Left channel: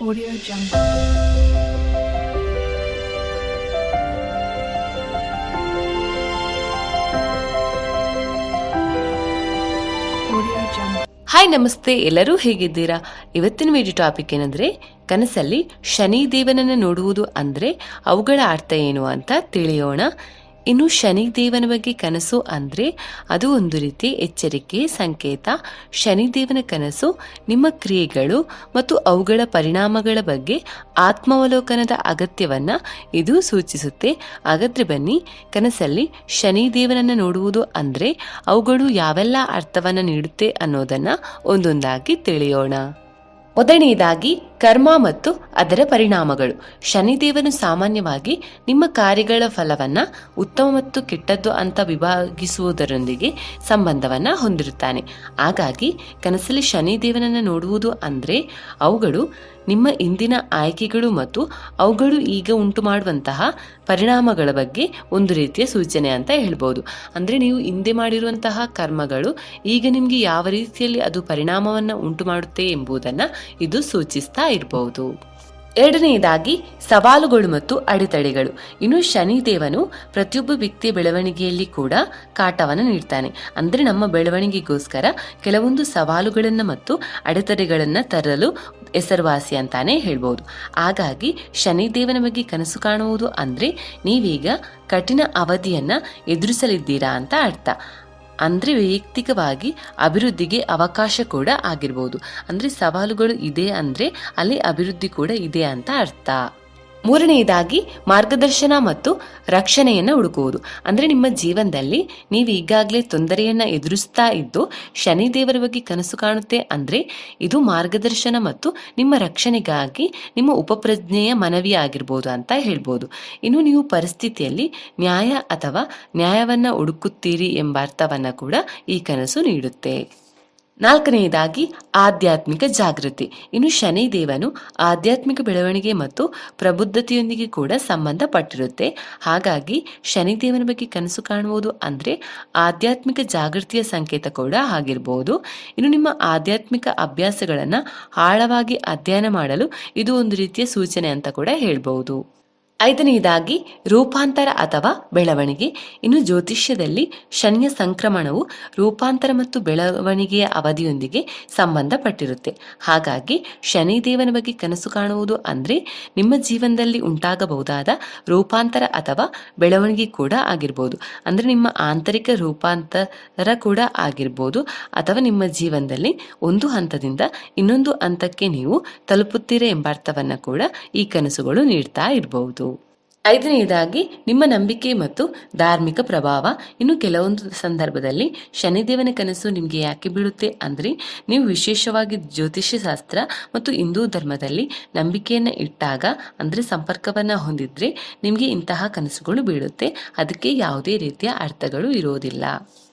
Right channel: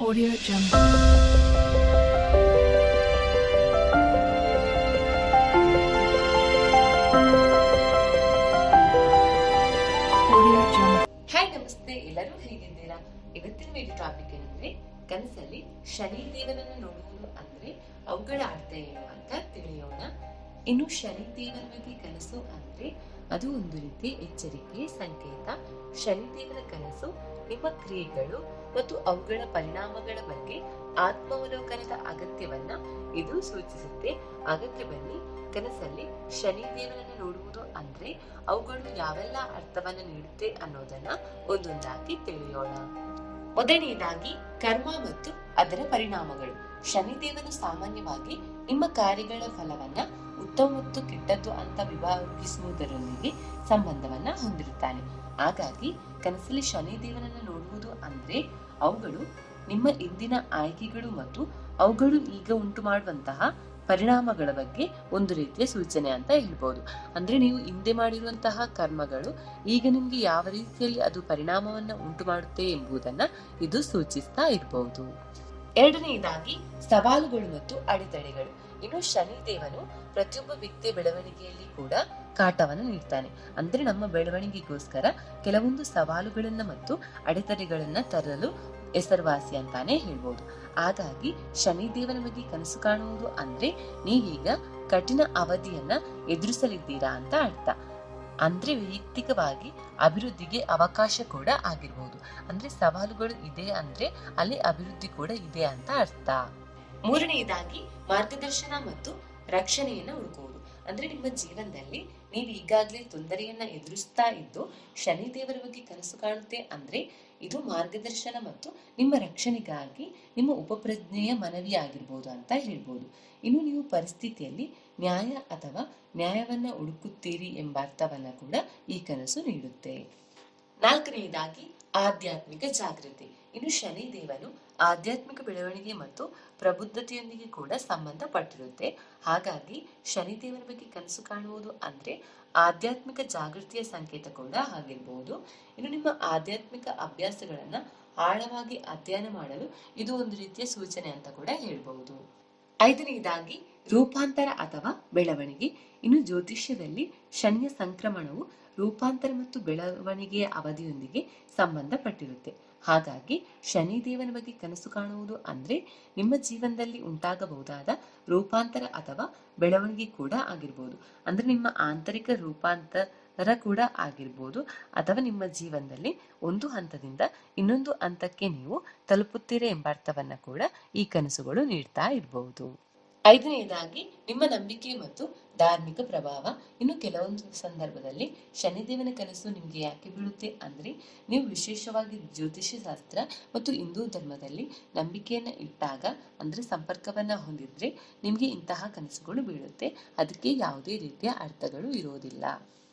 Audio Jungle. Hi ನಮಸ್ತೆ ಎಲ್ಲರೂ ಹೇಗಿದ್ದೀರಾ? ಇವತ್ತಿನ ವಿಡಿಯೋ ಟಾಪಿಕ್ ಏನಂದ್ರೆ, ಕನಸಲ್ಲಿ ಶನಿ ದೇವನನ್ನು ನೋಡುವುದು ಅಂದ್ರೆ ಅವುಗಳ ಅರ್ಥ ಏನು ಅಂತ ತಿಳಿಯೋಣ. ಇನ್ನು ಶನಿ ದೇವನ ಬಗ್ಗೆ ಕನಸು ಅಂದ್ರೆ ಅದು ಒಂದು ರೀತಿ ಎಚ್ಚರಿಕೆ, ಸಂಕೇತ. ಶನಿ ದೇವನ ಕನಸು ನಿಮ್ಮ ಕ್ರಿಯೆಗಳು ಮತ್ತು ಅವುಗಳ ಪರಿಣಾಮಗಳ ಬಗ್ಗೆ ಆತ್ಮಾವಲೋಕನದ ಅಗತ್ಯವನ್ನ ಇದು ಸೂಚಿಸುತ್ತೆ. ಅಗತ್ಯ ಬನ್ನಿ, ಕನಸಲ್ಲಿ ಶನಿ ದೇವನನ್ನ ನೋಡುವುದು ಅಂದ್ರೆ ಅವುಗಳು ಯಾವೆಲ್ಲ ಅರ್ಥವನ್ನ ನೀಡುತ್ತೆ ಅನ್ನೋದನ್ನ ಒಂದೊಂದಾಗಿ ತಿಳಿಯೋಣ. ಮೊದಲನೆಯದಾಗಿ ಕರ್ಮ ಮತ್ತು ಅದರ ಪರಿಣಾಮಗಳು. ಶನಿದೇವನು ಸಾಮಾನ್ಯವಾಗಿ ನಿಮ್ಮ ಕಾರ್ಯಗಳ ಫಲವನ್ನ ಉತ್ತಮ ಮತ್ತು ಕೆಟ್ಟದ್ದು ಅಂತ ವಿಭಾಗಿಸುವುದರೊಂದಿಗೆ ಸಂಬಂಧವನ್ನ ಹೊಂದಿರುತ್ತಾನೆ. ಹಾಗಾಗಿ ಕನಸಲ್ಲಿ ಶನಿದೇವನನ್ನು ನೋಡುವುದು ಅಂದ್ರೆ ಅವುಗಳು ನಿಮ್ಮ ಇಂದಿನ ಆಯ್ಕೆಗಳು ಮತ್ತು ಅವುಗಳು ಈಗ ಉಂಟು ಮಾಡುವಂತಹ ಪರಿಣಾಮಗಳ ಬಗ್ಗೆ ಒಂದು ರೀತಿಯ ಸೂಚನೆ ಅಂತ ಹೇಳ್ಬೋದು. ಅಂದರೆ ನೀವು ಹಿಂದೆ ಮಾಡಿರುವಂತಹ ಕರ್ಮಗಳು ಈಗ ನಿಮಗೆ ಯಾವ ರೀತಿಯಲ್ಲಿ ಅದು ಪರಿಣಾಮವನ್ನು ಉಂಟು ಮಾಡುತ್ತೆ ಎಂಬುದನ್ನು ಇದು ಸೂಚಿಸ್ತಾ ಇರಬಹುದು ಎರಡನೆಯದಾಗಿ, ಸವಾಲುಗಳು ಮತ್ತು ಅಡೆತಡೆಗಳು. ಇನ್ನು ಶನಿದೇವನು ಪ್ರತಿಯೊಬ್ಬ ವ್ಯಕ್ತಿಯ ಬೆಳವಣಿಗೆಯಲ್ಲಿ ಕೂಡ ಕಾಟವನ್ನು ನೀಡ್ತಾನೆ. ಅಂದರೆ ನಮ್ಮ ಬೆಳವಣಿಗೆಗೋಸ್ಕರ ಕೆಲವೊಂದು ಸವಾಲುಗಳನ್ನು ಮತ್ತು ಅಡೆತಡೆಗಳನ್ನು ತರಲು ಹೆಸರುವಾಸಿ ಅಂತಾನೆ ಹೇಳ್ಬೋದು. ಹಾಗಾಗಿ, ಶನಿದೇವನ ಬಗ್ಗೆ ಕನಸು ಕಾಣುವುದು ಅಂದರೆ ನೀವೀಗ ಕಠಿಣ ಅವಧಿಯನ್ನ ಎದುರಿಸಲಿದ್ದೀರಾ ಅಂತ ಅರ್ಥ. ಅಂದರೆ ವೈಯಕ್ತಿಕವಾಗಿ ಅಭಿವೃದ್ಧಿಗೆ ಅವಕಾಶ ಕೂಡ ಆಗಿರ್ಬೋದು. ಅಂದರೆ ಸವಾಲುಗಳು ಇದೆ ಅಂದರೆ ಅಲ್ಲಿ ಅಭಿವೃದ್ಧಿ ಕೂಡ ಇದೆ ಅಂತ ಅರ್ಥ. ಮೂರನೆಯದಾಗಿ ಮಾರ್ಗದರ್ಶನ ಮತ್ತು ರಕ್ಷಣೆಯನ್ನು ಹುಡುಕುವುದು. ಅಂದರೆ ನಿಮ್ಮ ಜೀವನದಲ್ಲಿ ನೀವು ಈಗಾಗಲೇ ತೊಂದರೆಯನ್ನು ಎದುರಿಸ್ತಾ ಇದ್ದು ಶನಿದೇವರ ಬಗ್ಗೆ ಕನಸು ಕಾಣುತ್ತೆ ಅಂದರೆ ಇದು ಮಾರ್ಗದರ್ಶನ ಮತ್ತು ನಿಮ್ಮ ರಕ್ಷಣೆಗಾಗಿ ನಿಮ್ಮ ಉಪಪ್ರಜ್ಞೆಯ ಮನವಿ ಆಗಿರ್ಬೋದು ಅಂತ ಹೇಳ್ಬೋದು. ಇನ್ನು ನೀವು ಪರಿಸ್ಥಿತಿಯಲ್ಲಿ ನ್ಯಾಯ ಅಥವಾ ನ್ಯಾಯವನ್ನು ಹುಡುಕುತ್ತೀರಿ ಎಂಬ ಅರ್ಥವನ್ನು ಕೂಡ ಈ ಕನಸು ನೀಡುತ್ತೆ. ನಾಲ್ಕನೆಯದಾಗಿ ಆಧ್ಯಾತ್ಮಿಕ ಜಾಗೃತಿ. ಇನ್ನು ಶನಿದೇವನು ಆಧ್ಯಾತ್ಮಿಕ ಬೆಳವಣಿಗೆ ಮತ್ತು ಪ್ರಬುದ್ಧತೆಯೊಂದಿಗೆ ಕೂಡ ಸಂಬಂಧಪಟ್ಟಿರುತ್ತೆ. ಹಾಗಾಗಿ ಶನಿದೇವನ ಬಗ್ಗೆ ಕನಸು ಕಾಣುವುದು ಅಂದರೆ ಆಧ್ಯಾತ್ಮಿಕ ಜಾಗೃತಿಯ ಸಂಕೇತ ಕೂಡ ಆಗಿರಬಹುದು ಇನ್ನು ನಿಮ್ಮ ಆಧ್ಯಾತ್ಮಿಕ ಅಭ್ಯಾಸಗಳನ್ನು ಆಳವಾಗಿ ಅಧ್ಯಯನ ಮಾಡಲು ಇದು ಒಂದು ರೀತಿಯ ಸೂಚನೆ ಅಂತ ಕೂಡ ಹೇಳ್ಬೋದು. ಐದನೆಯದಾಗಿ ರೂಪಾಂತರ ಅಥವಾ ಬೆಳವಣಿಗೆ. ಇನ್ನು ಜ್ಯೋತಿಷ್ಯದಲ್ಲಿ ಶನಿಯ ಸಂಕ್ರಮಣವು ರೂಪಾಂತರ ಮತ್ತು ಬೆಳವಣಿಗೆಯ ಅವಧಿಯೊಂದಿಗೆ ಸಂಬಂಧಪಟ್ಟಿರುತ್ತೆ. ಹಾಗಾಗಿ ಶನಿದೇವನ ಬಗ್ಗೆ ಕನಸು ಕಾಣುವುದು ಅಂದರೆ ನಿಮ್ಮ ಜೀವನದಲ್ಲಿ ಉಂಟಾಗಬಹುದಾದ ರೂಪಾಂತರ ಅಥವಾ ಬೆಳವಣಿಗೆ ಕೂಡ ಆಗಿರ್ಬೋದು. ಅಂದರೆ ನಿಮ್ಮ ಆಂತರಿಕ ರೂಪಾಂತರ ಕೂಡ ಆಗಿರ್ಬೋದು. ಅಥವಾ ನಿಮ್ಮ ಜೀವನದಲ್ಲಿ ಒಂದು ಹಂತದಿಂದ ಇನ್ನೊಂದು ಹಂತಕ್ಕೆ ನೀವು ತಲುಪುತ್ತೀರಾ ಎಂಬ ಅರ್ಥವನ್ನು ಕೂಡ ಈ ಕನಸುಗಳು ನೀಡ್ತಾ ಇರಬಹುದು ಐದನೆಯದಾಗಿ ನಿಮ್ಮ ನಂಬಿಕೆ ಮತ್ತು ಧಾರ್ಮಿಕ ಪ್ರಭಾವ. ಇನ್ನು ಕೆಲವೊಂದು ಸಂದರ್ಭದಲ್ಲಿ, ಶನಿದೇವನ ಕನಸು ನಿಮಗೆ ಯಾಕೆ ಬೀಳುತ್ತೆ ಅಂದರೆ, ನೀವು ವಿಶೇಷವಾಗಿ ಜ್ಯೋತಿಷ್ಯ ಶಾಸ್ತ್ರ ಮತ್ತು ಹಿಂದೂ ಧರ್ಮದಲ್ಲಿ ನಂಬಿಕೆಯನ್ನು ಇಟ್ಟಾಗ, ಅಂದರೆ ಸಂಪರ್ಕವನ್ನು ಹೊಂದಿದ್ರೆ ನಿಮಗೆ ಇಂತಹ ಕನಸುಗಳು ಬೀಳುತ್ತೆ. ಅದಕ್ಕೆ ಯಾವುದೇ ರೀತಿಯ ಅರ್ಥಗಳು ಇರೋದಿಲ್ಲ.